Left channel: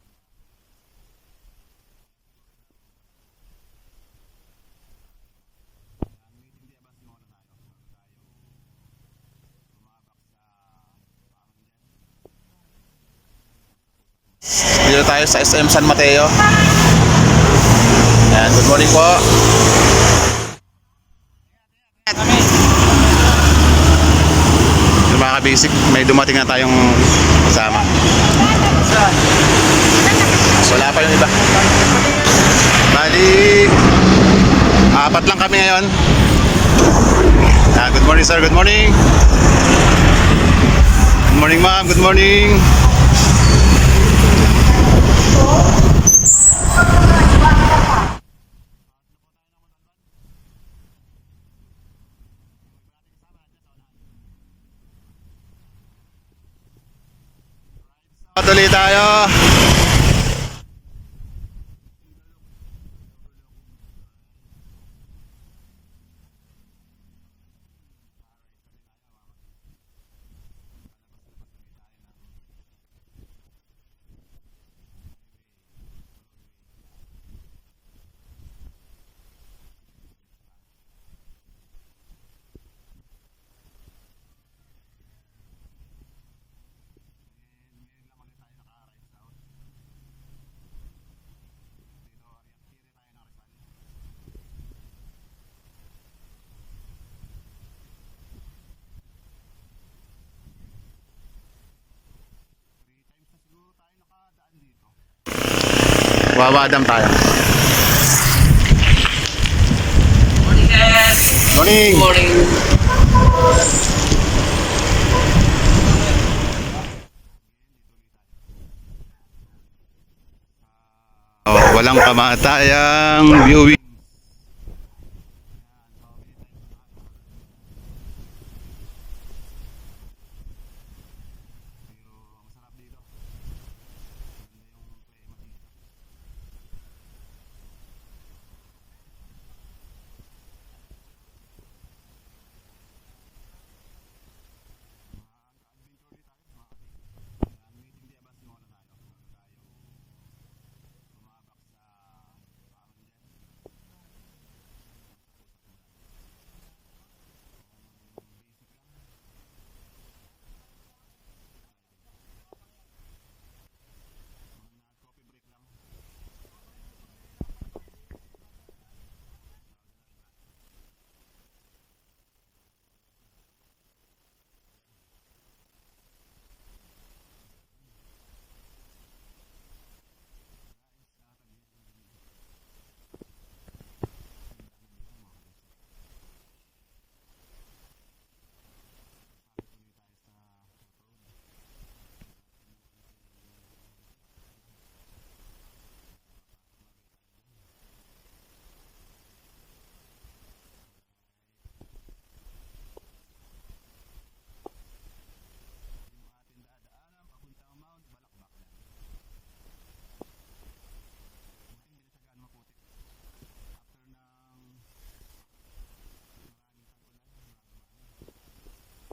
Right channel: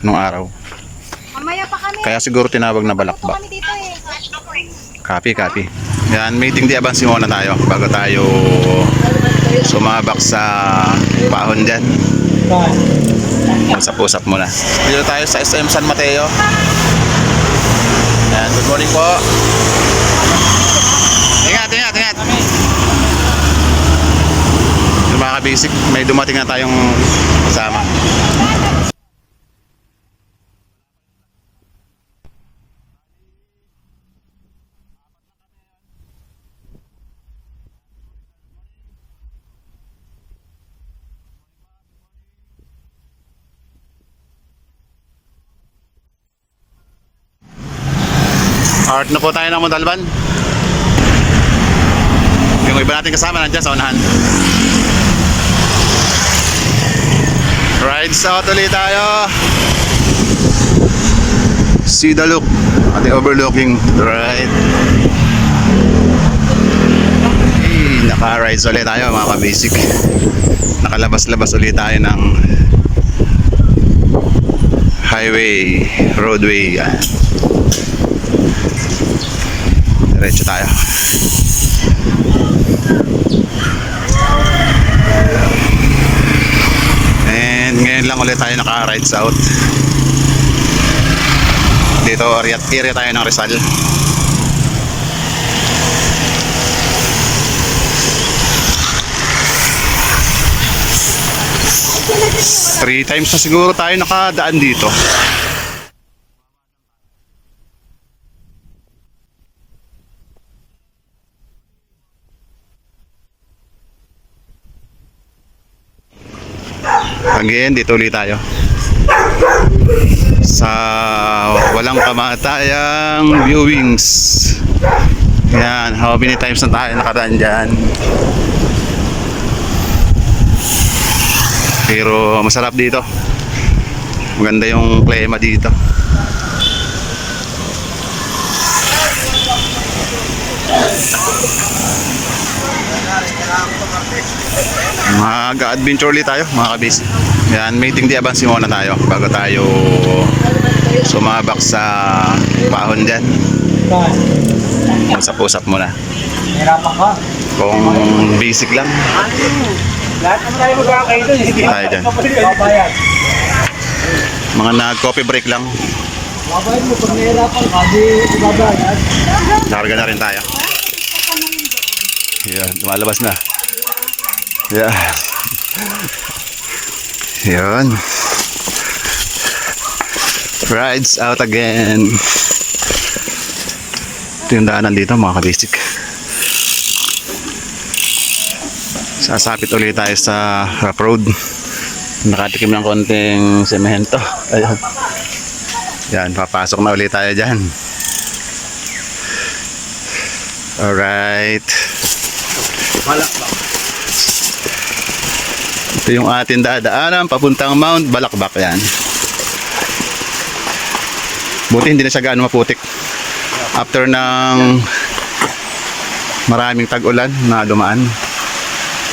nung araw. Mamaya pa kami. Kaya siguro tinawag na balakbak. Kami dito eh. Copy. Yan, meeting di abansi muna tayo bago tayo sumabak sa pahon dyan. Usap-usap muna. Dito tayo sa SM San Mateo. Yan, good morning po. Ingat. Yung mga basic, may dumating na tayong kasama. Wala pa yung iba. Bali, apat lang kami ngayon. Good morning sir, good morning. Good morning ma'am, good morning. Art na po tayo ng Montalban. Yung iba natin kasama nandiyan sa unahan. Rides out ulit tayo. See the look at the overlooking right. Hey, naka-rides ulit tayo mga ka-basic. Nakalabas-labas ulit tayo ng highway, roadway. Diretso tayo. And ngayon lang ulit tayo naka-rides out. Dito area tayo ng Rizal. Three times na siguro tayo nakadaan dito. Wawadam tayo. Morning. Again, dito ulit tayo sa walang kamatayang viewings. Yan, how many times na tayo nakadaan dyan. Pero masarap dito. Maganda yung klima dito. Mag-adventure ulit tayo mga kabis. Yan, meeting di abansi muna tayo bago tayo sumabak sa pahon dyan. Usap-usap muna. Kung basic lang. Lahat naman tayo magkakain doon. Tayo dyan. Mga nag-coffee break lang. Babayad mo, pag nahirapan ka, di ibabayad. Nakarga na rin tayo. Yan, lumalabas na. Yan. Yan. Rides out again. Ito yung daanan dito mga kabisik. Sasapit ulit tayo sa rough road. Nakatikim ng konting semento. Ayan. Yan, papasok na ulit tayo dyan. Alright. Ito yung ating dadaanan papuntang Mount Balakbak. Yan. Buti hindi na siya gaano maputik. After ng maraming tag-ulan na dumaan.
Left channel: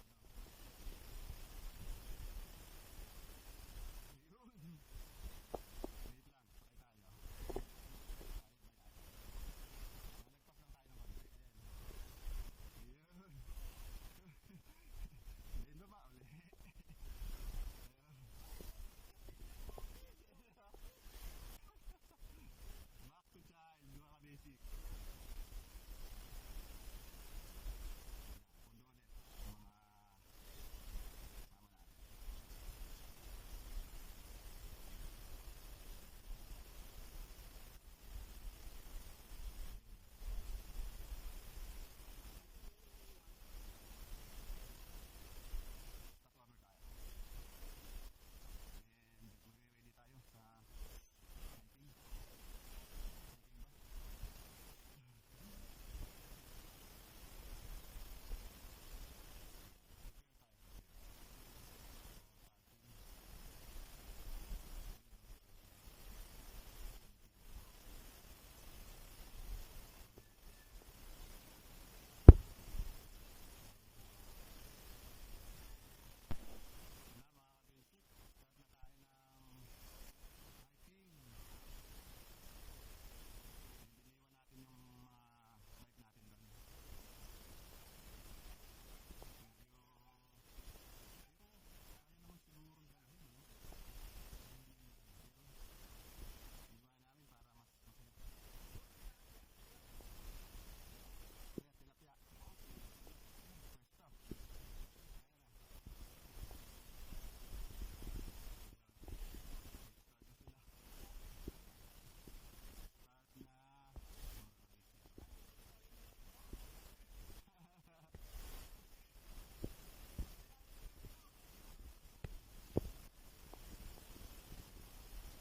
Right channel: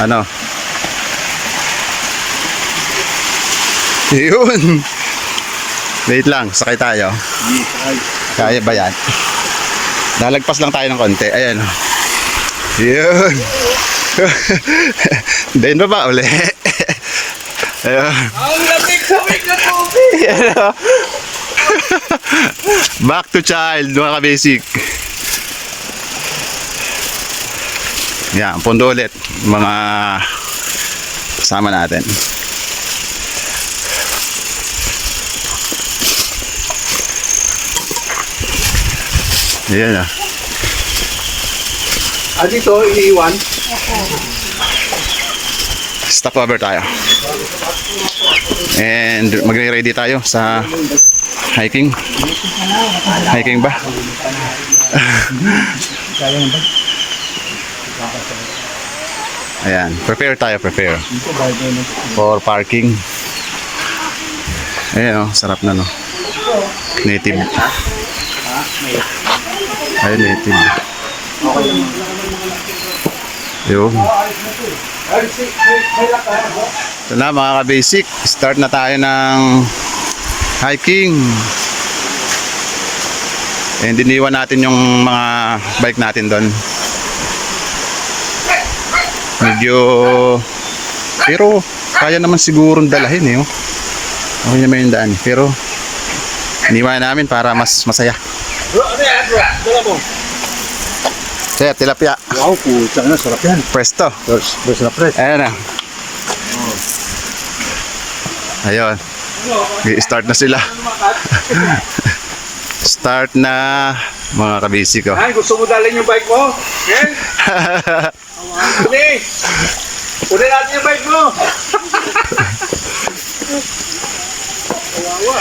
Ano? Yun. Wait lang, sakay tayo. Kaya ba yan? Lalagpas lang tayo ng konti. Ayan. Yun. Then ba uli? Ayun. Ang lamig-lamig na tubig! Back to child, mga ka-basic. Yan, pundo ulit mga kasama natin. Yan ah. Dito, iniiwan. Stop over tayo. And magre-ready tayo sa hiking. Hiking ba? Ayan, prepare tayo, prepare for parking. Ayan oh, sarap na no. Native. Ayun, native. Yun. Ito na mga ka-basic, start na tayo ng hiking. And iniwan natin yung mga bike natin doon. Medyo pero kaya naman sigurong dalahin eh. Oh. Okay naman yung daan. Pero iniwan namin para mas masaya. Bro, ano yan bro? Dala mo. Kaya tilapia. Wow, putang na, sarap yan. Presto. Fresh na fresh. Ayan na. Ayun. I-start na sila. Start na mga kabisi ko. Ay, gusto mo dalhin yung bike mo? Okay? Kunin! Kunin natin yung bike mo! Kawawa.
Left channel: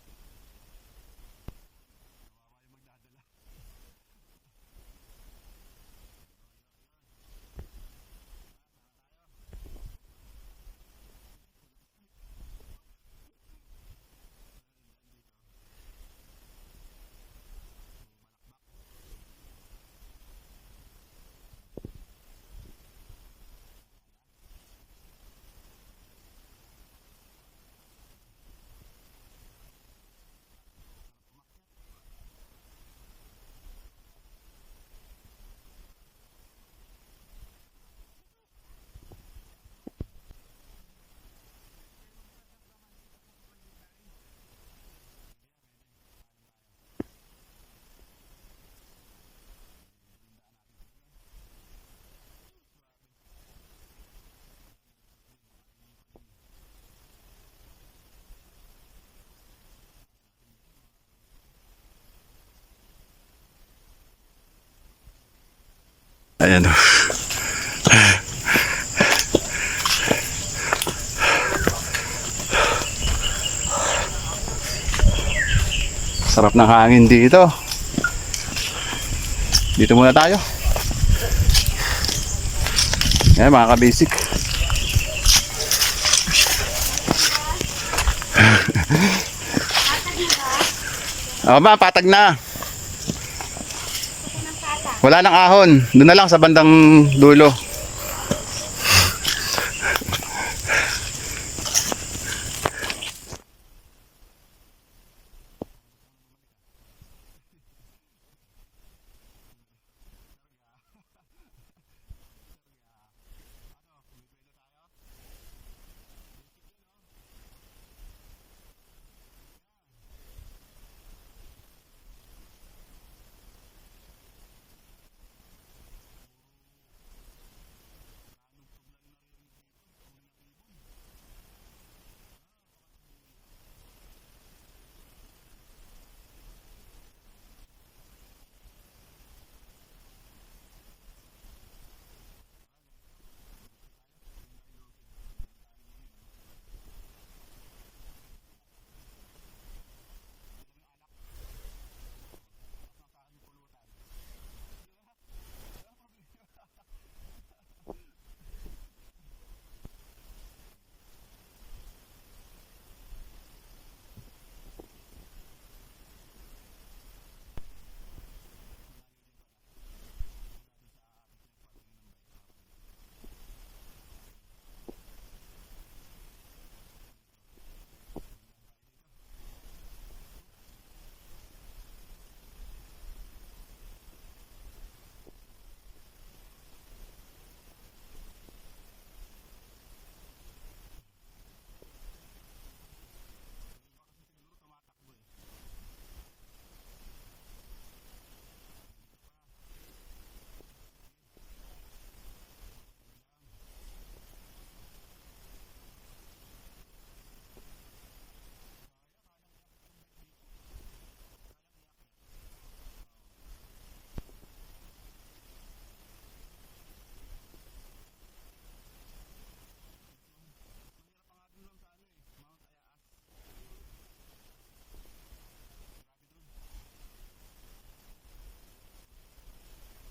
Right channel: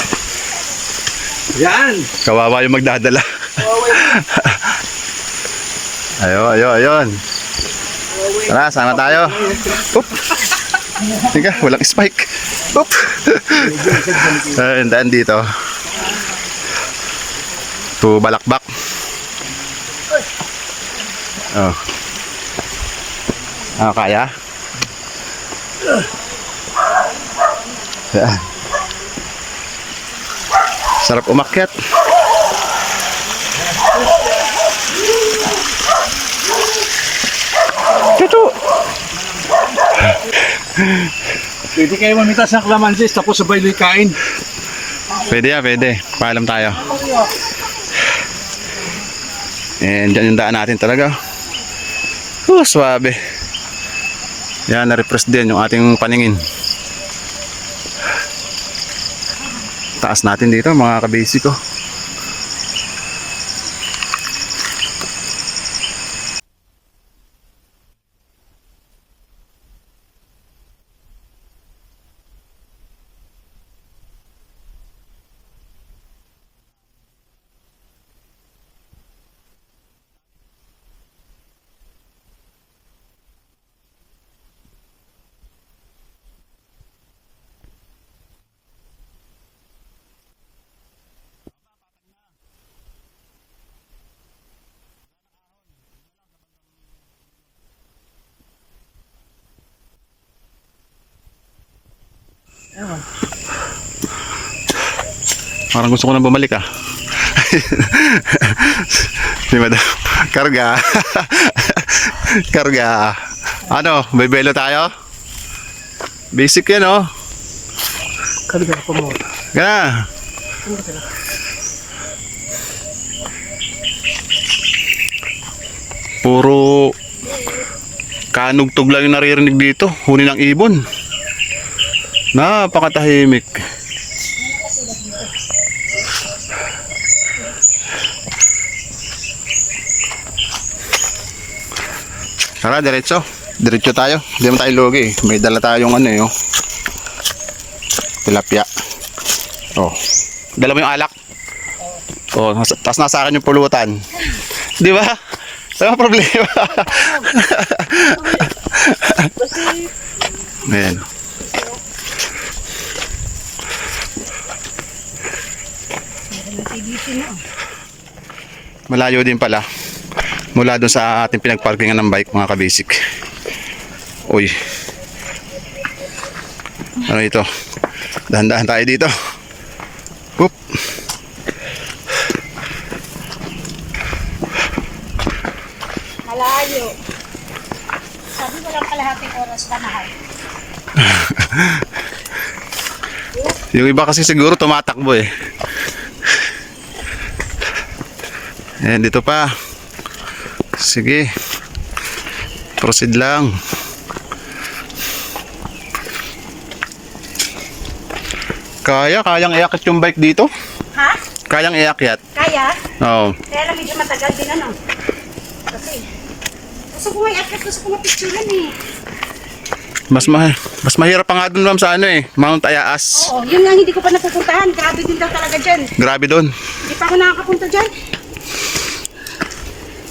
Yan! Kawawa yung magdadala. Kawawa yan. Ayun. Tara, sana tayo. Oop. Tika, walang spike. Oop. Ayun, daan dito. To Balakbak. Oh. Kaya? Yan. Sarap umakyat. Ito. Pwede kayo mamitas ng klamansis tapos sabay kain. Pwede ya, pwede. Paalam tayo. And dyan yung daan natin talaga. Swabe. Yan, na-refresh din yung ating paningin. Taas natin dito mga kabisi ko. Ayan o. Sarap ng hangin dito. Dito muna tayo. Ayan mga kabisik. O ba, patag na. Wala nang ahon. Doon na lang sa bandang dulo. Parang gusto ko nang bumalik ah. Di madam. Karga. Karga. Ano, bebelo tayo? Basic yan oh. Karga pa mo. Gana. Puro kanugtog lang yung naririnig dito. Huni ng ibon. Napakatahimik. Tara, diretso. Diretso tayo. Hindi naman tayo lugi. May dala tayong ano eh. Oh. Tilapia. Oh. Dala mo yung alak. Oh, tapos nasa akin yung pulutan. Di ba? Wala problema. Ayan. Malayo din pala. Mula doon sa ating pinagparkingan ng bike mga kabisik. Uy. Ano ito? Dahan-dahan tayo dito. Oop. Malayo. Sabi ko lang kalahating oras na mahal. Yung iba kasi siguro tumatakbo eh. Ayan, dito pa. Sige. Proceed lang. Kayang iakyat yung bike dito? Ha? Kayang iakyat? Kaya? Oo. Kaya lang medyo matagal din ano. Kasi, gusto ko may akit, gusto ko mapicturan eh. Mas mahirap pa nga dun ma'am sa ano eh, Mount Ayaas. Oo, yun nga hindi ko pa napupuntahan. Grabe din daw talaga dyan. Grabe dun. Hindi pa ako nakakapunta dyan.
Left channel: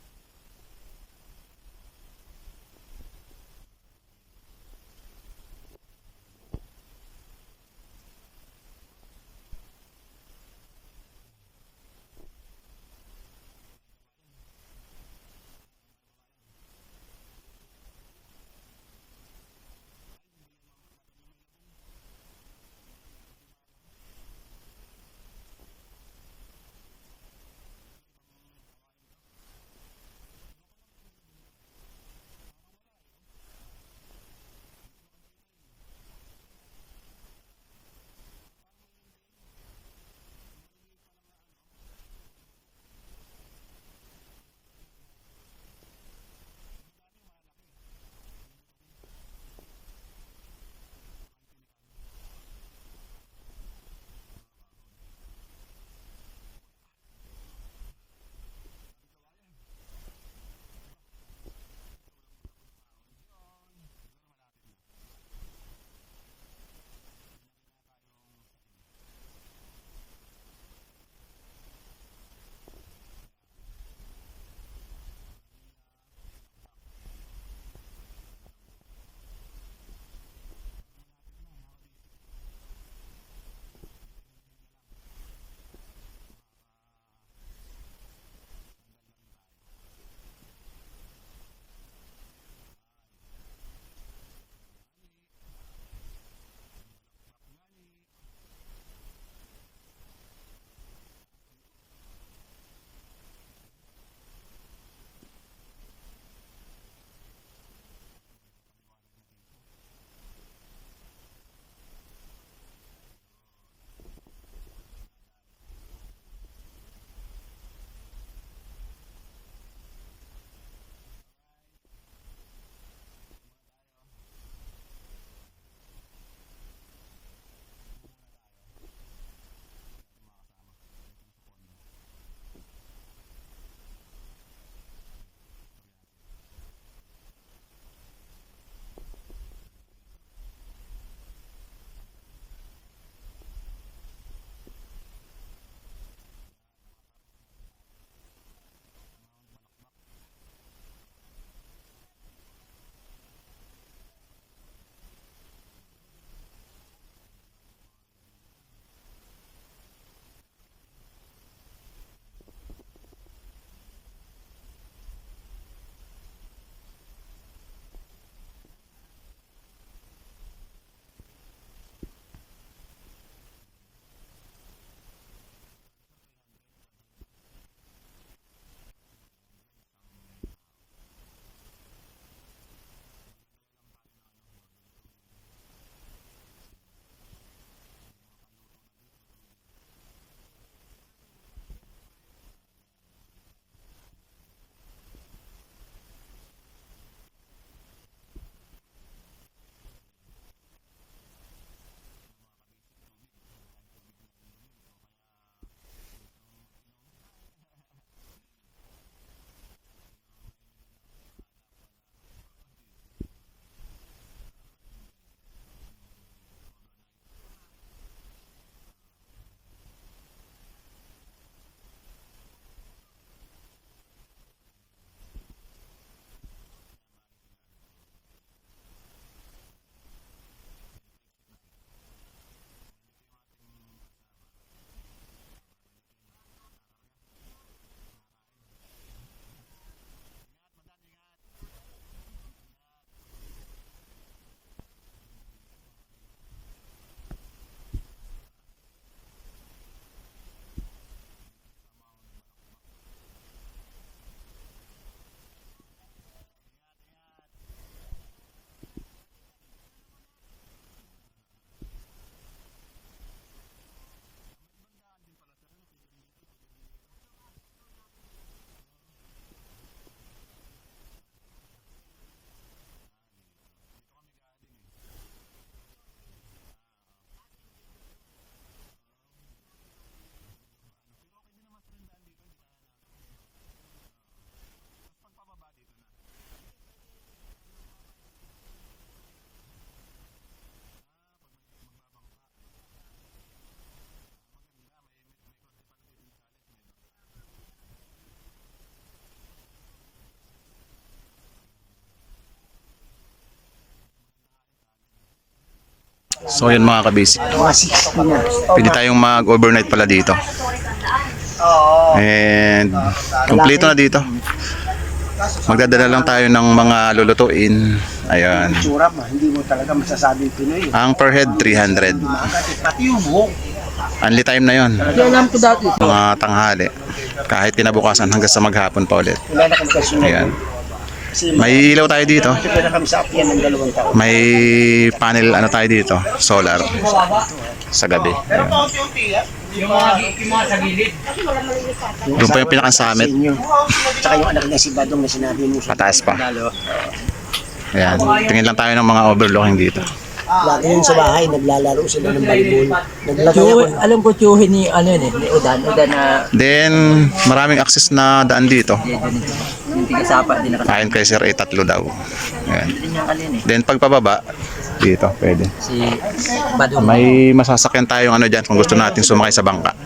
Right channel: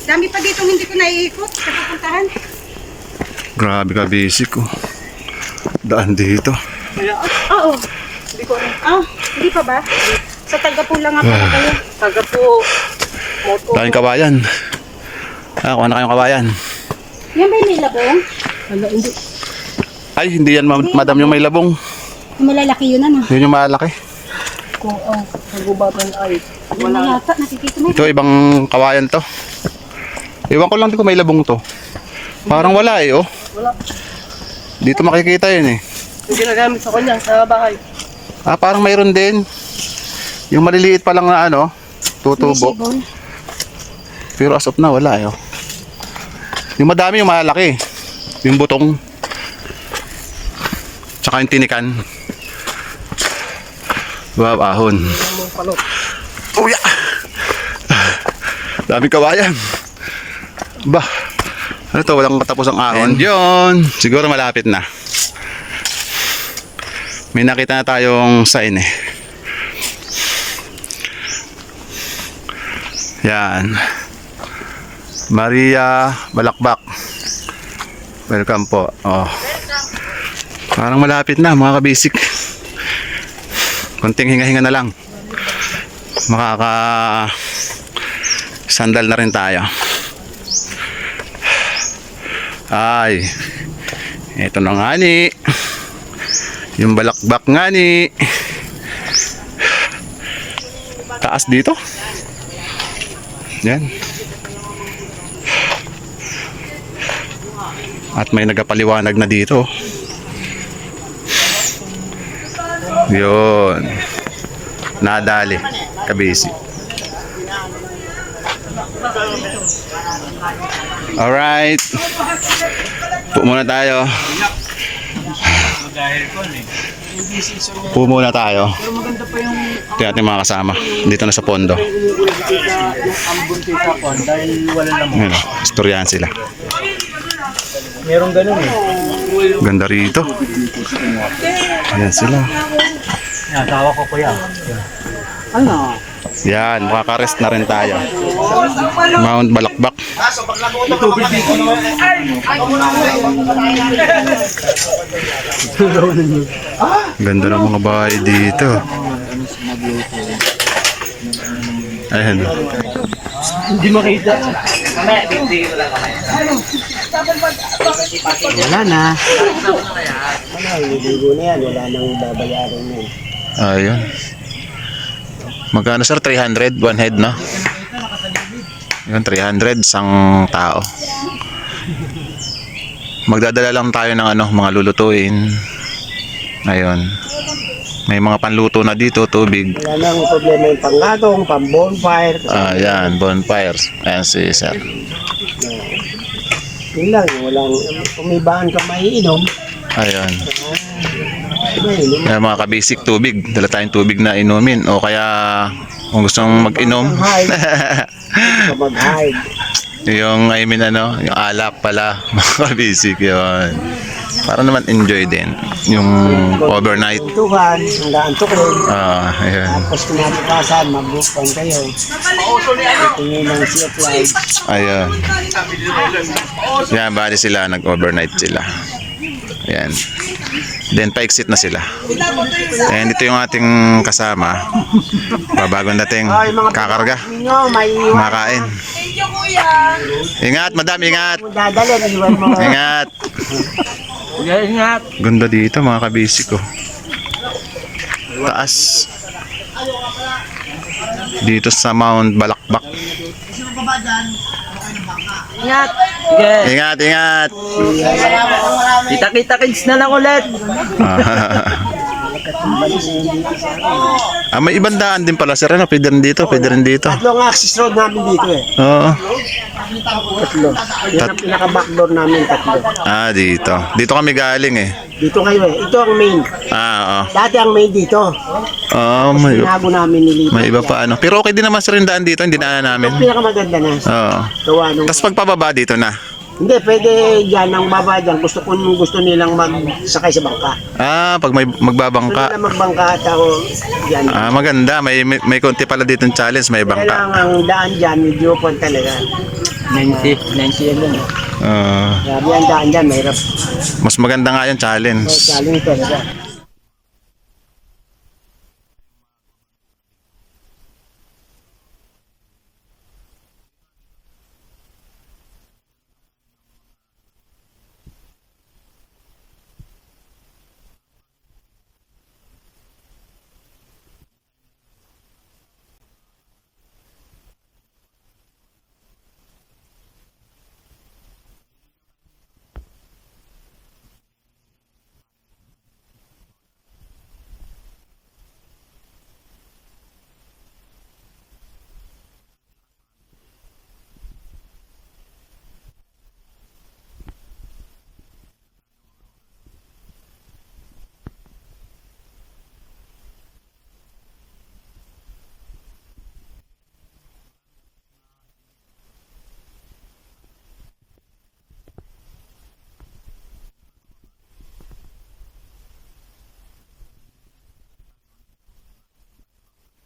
Dami pa dito hindi ko naiikot. Napupuntahan. Grabe ka basic ko. Daan dito. Oo. Hindi ko rin. Hindi pa ba? Sa Tagapo lang nga pala kayo. Tagapo. Moto. Daming kawayan. Kuha na kayong kawayan. Yan ba yung may labong? Wala, hindi. Ay, hindi yan madam yung may labong. Malalaki yun ano. Yun yung malaki. kung ang kagubatan ay Wala yata, nakikita mo. Ito, ibang kawayan to. Iwan ko lang di ko may labong to. Parang wala eh, oh. wala. Dito makikita yun eh. Yung ginagamit sa kanya sa bahay. Ah, parang mayroon din. Yung maliliit pa lang na ano, tutubo. Sibol. Pero as of na, wala eh, oh. Yung madami, yung malaki. Yung butong. Tsaka yung tinikan. Wow, ahon. Ang palot. Uya! Daming kawayan. Bah, ano to, walang katapos ang ahon. And yun, siguro malapit na. May nakita na tayong sign eh. Yan. Maria Balakbak. Welcome po. Oh. Parang malapit na mga kabisik. Konting hinga-hinga na lang. Makaka sandal na rin tayo. Ay, eto na nga ni yung balakbak nga ni taas dito. Yan. At may nagapaliwanag na dito. Yun. Nadali kabisi. Alright. Po muna tayo. Po muna tayo. Ito yung ating mga kasama. Dito na sa pondo. Yung ambon sa kwan dahil wala naman. Ayan, istoryahan sila. Merong ganun eh. Ganda rito. Ayan sila. Natawa ko kuya. Ano? Yan, makakarest na rin tayo. Mount Balakbak. Ganda ng mga bahay dito. Ayan. Hindi makita. Wala na. Wala, ligo na yan. Wala nang babayaran yan. Ayun. Magkano sir? 300? One head, no? Yun, 300. Isang tao. Magdadala lang tayo ng ano, mga lulutuin. Ayun. May mga panluto na dito, tubig. Wala nang problema yung panggatong, pang-bonfire. Ayan, bonfires. Ayan si sir. Yun lang, walang umibahan ka maiinom. Ayun. Mainom. Ayan, mga kabisik tubig. Dala tayong tubig na inumin. O kaya kung gusto mong mag-inom. Mag-hide. Yung, I mean ano, yung alak pala. Mga kabisik yun. Para naman enjoy din. Yung overnight. Tuntukan, hanggang tukin. Ayan. Tapos kinabukasan, mag-bookpan kayo. Tingin ng sea of life. Ayun. Yan, bali sila, nag-overnight sila. Ayan. Then, pa-exit na sila. And ito yung ating kasama. Babagong dating kakarga. Ninyo, may iwan. Makain. Ingat, madam, ingat. Dadalhin, iwan mo. Ingat. Ingat. Ganda dito, mga kabisik ko. Taas. Dito sa Mount Balakbak. Ingat. Sige. Ingat, ingat. Kita-kita kids na lang ulit. May ibang daan din pala sir. Ano? Pwede rin dito, pwede rin dito. Tatlong access road namin dito eh. Oo. Tatlo. Yan ang pinaka-backdoor namin, tatlo. Dito. Dito kami galing eh. Dito kayo eh. Ito ang main. Oo. Dati ang main dito. May, Tinago namin nilipat. may iba pa ano. Pero okay din naman sir yung daan dito. Hindi daanan namin. Ang pinakamaganda na. Oo. Gawa nung... Tapos pagpababa dito na. Hindi, pwede dyan ang baba dyan. Gusto nilang magsakay sa bangka. Pag may Gusto magbabangka. nila magbangka at ako dyan. Maganda. May konti pala dito challenge. May Kaya lang bangka. ang daan dyan, medyo pon talaga. 90 yan lang. Grabe ang daan dyan, mahirap. Mas maganda nga yung challenge. Challenge talaga. So yun mga kabisik. Mga 60 na. Pwede tayong mag-overnight pala dito. And kompleto na dito. Magdadala lang tayo ng mga lulutuin. Ayan. Tsura mo, hindi mo talaga masasabing Pinoy. Ang per head 300. Pati yung buhok. Only time na yon. Alam ko dati. Mga tanghali. Kahit kinabukasan hanggang sa maghapon pa ulit. Wala na kami kasunod. Ayan. Kasi May ilaw tayo dito. Ito na kami sa apian ng 2 taon. May panel ano tayo dito, solar sa gabi. Ayan. Yung mga sa gilid. Doon pa yung pinaka-summit. Tsaka yung anak niya si Badong na sinabi mo. Pataas pa. Lalo. Ayan. Tingin lang tayo ng mga overlooking dito. Lagi yun sa bahay, naglalaro sila ng volleyball. Naglagay ako. Alam ko tiyuhin ni ano yun eh, ni Udan. Udan na Then, maraming access na daan dito. yung tigasapa din nakasama Ayon kay Sir, 3 daw. Ayan. din yung alin eh. Then, pagpababa, dito, pwede. Si Badong. May masasakyan tayong ano dyan kung gusto natin sumakay sa bangka.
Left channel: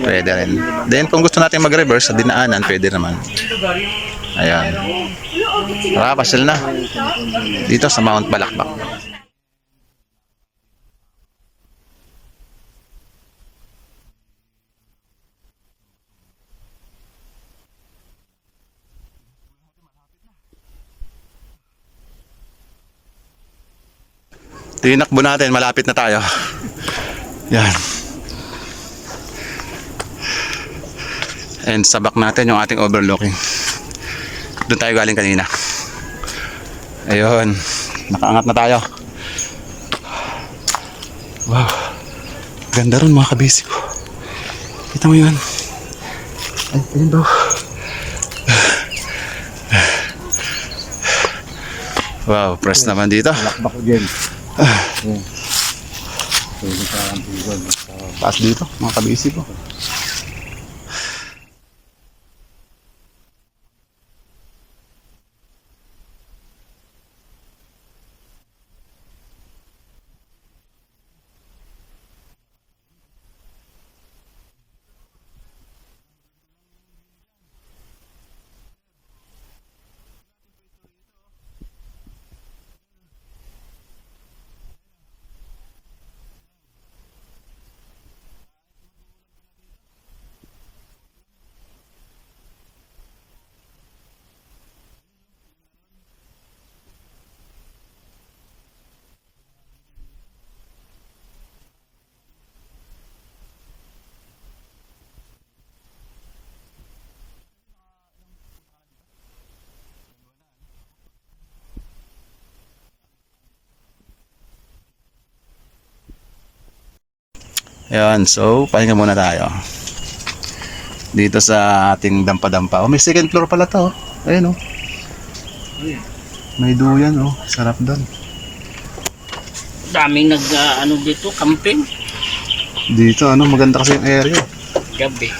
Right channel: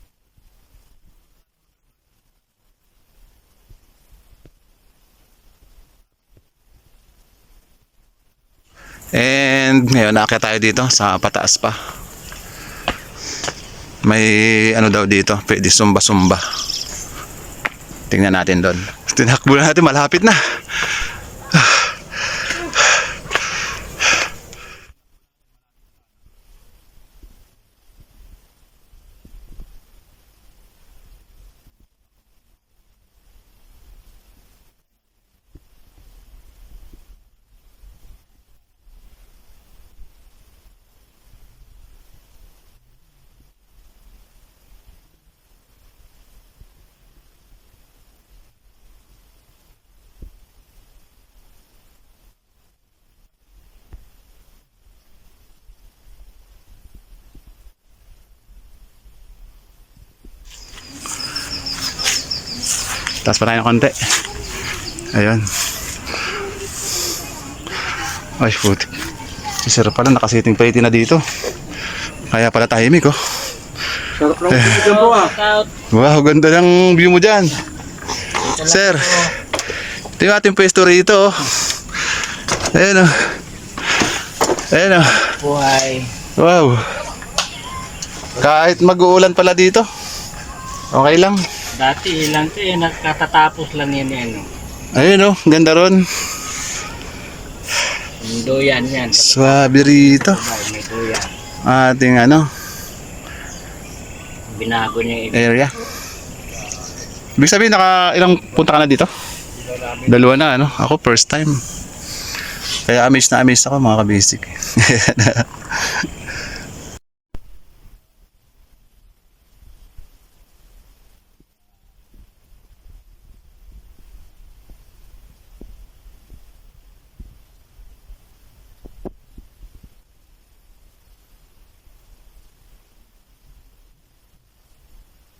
Pwede rin. Then, kung gusto natin mag-reverse sa dinaanan, pwede naman. Ayan. Tara, pasyal na. Dito sa Mount Balakbak. And ngayon, naakyat tayo dito sa pataas pa. May ano daw dito, pwede sumba-sumba. Tingnan natin doon. Tinakbo na natin, malapit na. Tinakbo natin, malapit na tayo. Yan. And sabak natin yung ating overlooking. Doon tayo galing kanina. Ayun. Nakaangat na tayo. Wow. Ganda ron mga kabisi ko. Kita mo yun. Ay, ayun daw. Wow, press naman dito. Lakbak ko dyan. Taas dito, mga kabisi ko. Taas pa tayo ng konti. Ayun. Ay, puti. Si Sir pala, nakasiting plate na dito. Kaya pala tahimik, oh. Sarap lang dito po ah. Wow, ganda ng view mo dyan. Sir, ito yung ating pwesto rito, oh. Ayun, oh. Ayun, oh. Buhay. Wow. Kahit mag-uulan pala dito, okay lang. Dati ilan to eh, nagkatatapos lang yan eh. Ano. Ayun, oh, ganda ron. Yung doyan yan. Swabe rito. May doyan. Ating ano, Binago niya yung area. Ibig sabihin, ilang punta ka na dito? 2 na, ano? Ako, first time. Kaya amazed na amazed ako, mga kabasic. Ayan, so, pahinga muna tayo. Dito sa ating dampa-dampa. Oh, may second floor pala to. Oh. Ayun, oh. May duyan, oh. Sarap doon. daming nag ano dito, camping. Dito, ano, maganda kasi yung area. Gabi.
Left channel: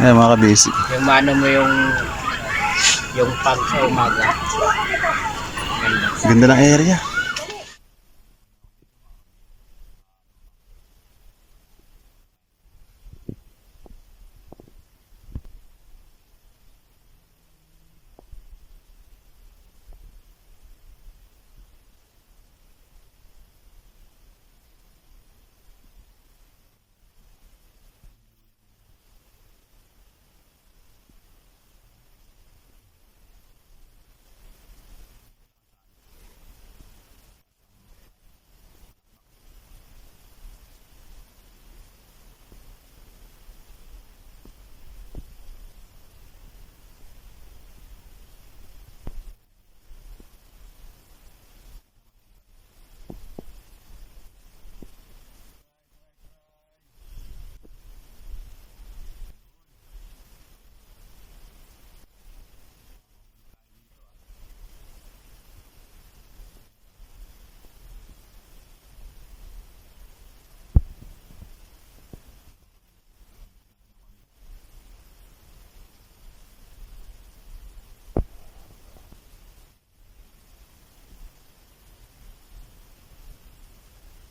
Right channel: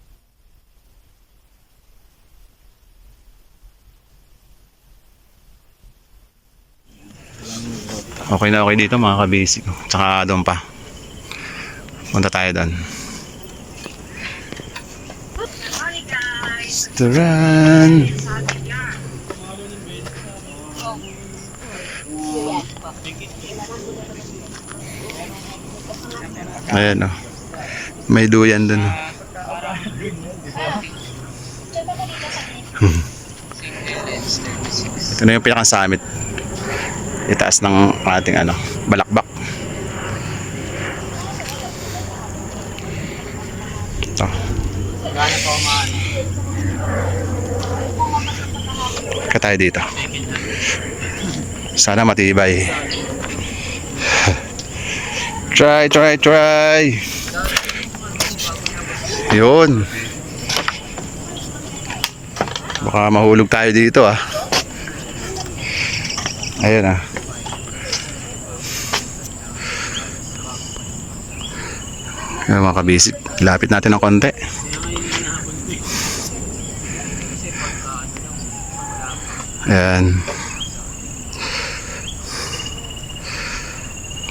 Ayan, mga kabasic. Yung ano mo yung pag sa umaga. Ganda. Ganda ng area. Okay na okay dito, mga kabasic. Tsaka doon pa. Punta tayo doon. Restaurant. Ayan, oh. May duyan doon. Ito na yung pinaka-summit. Itaas ng ating ano, Balakbak. Ito. Kaya tayo dito. Sana matibay. Try. Yun. Baka mahulog tayo dito, ah. Ayun, ah. Ayan, mga kabisip. Lapit natin ng konti. Ayan.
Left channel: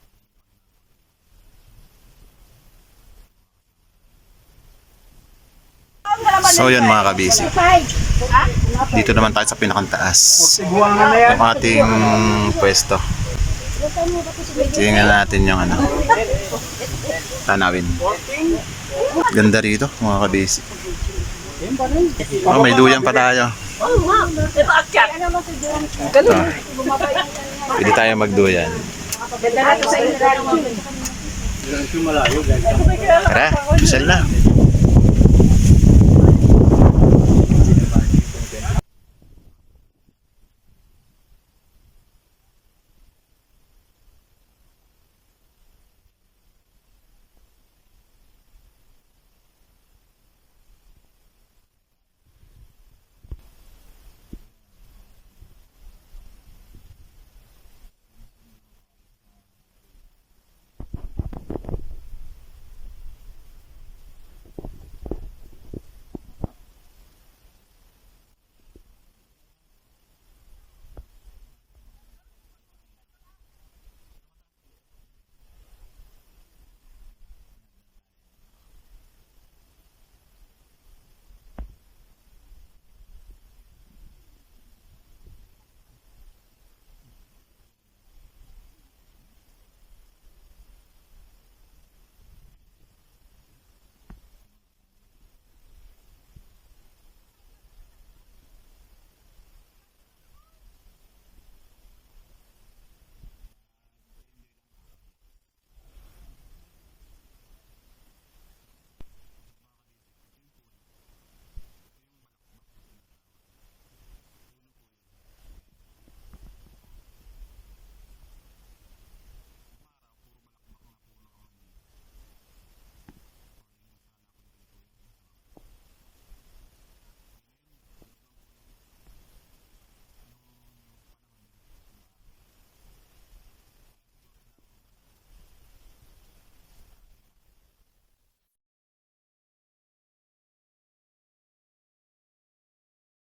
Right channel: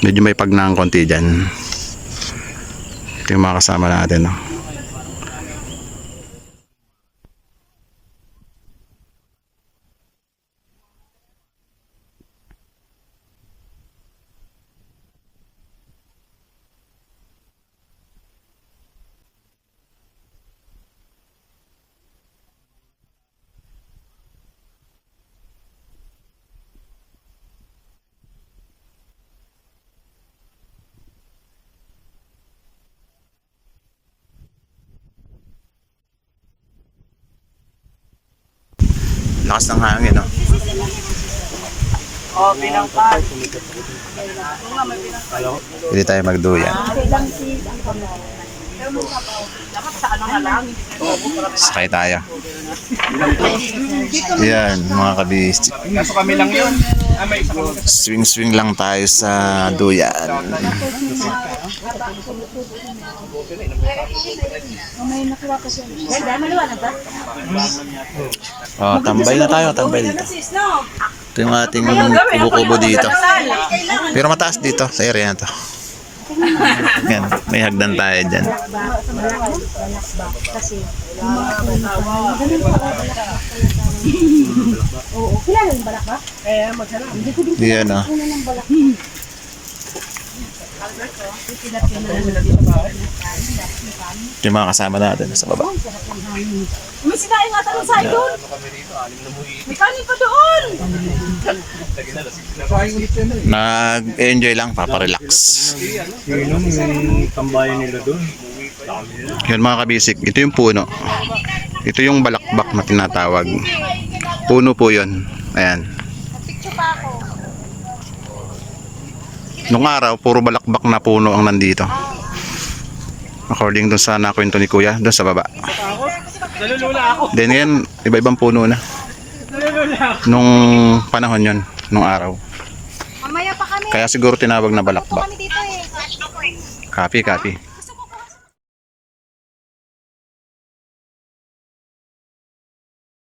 Medyo may pagnang konti dyan. Ito yung mga kasama natin, no? So yan, mga kabisip. Dito naman tayo sa pinakantaas ng ating pwesto. Tingnan natin yung ano, tanawin. Ganda rito, mga kabisip. Oh, may duyan pa tayo. Pwede tayo magduyan. Ganda na to sa ilalim. Tara, sel na. Lakas ng hangin, no? Pwede tayo magduyan. Sakay tayo. Yan, mga kabistik. Swing-swing lang tayo sa duyan. Oh, tambay na tayo, tambay dito. Ito yung ating kubo-kubo dito. Pero mataas dito sa area na to. Yan, may hagdan tayo dyan. Yan, oh. Yung mga kasama natin sa baba. May sinain nga tanong sa doon. May kanin pa doon. Nag-enjoy lang, paparelax. Yan mga kabisik, ito yung puno. Ito yung balakbak na tinatawag. Puno po yun. Ayan. Nung araw, puro balakbak na puno ang nandito. According dun sa nakwento ni Kuya, dun sa baba. Then ngayon, iba-ibang puno na. Nung panahon yon, nung araw. Mamaya pa kami. Kaya siguro tinawag na balakbak. Kami dito eh. Copy, copy.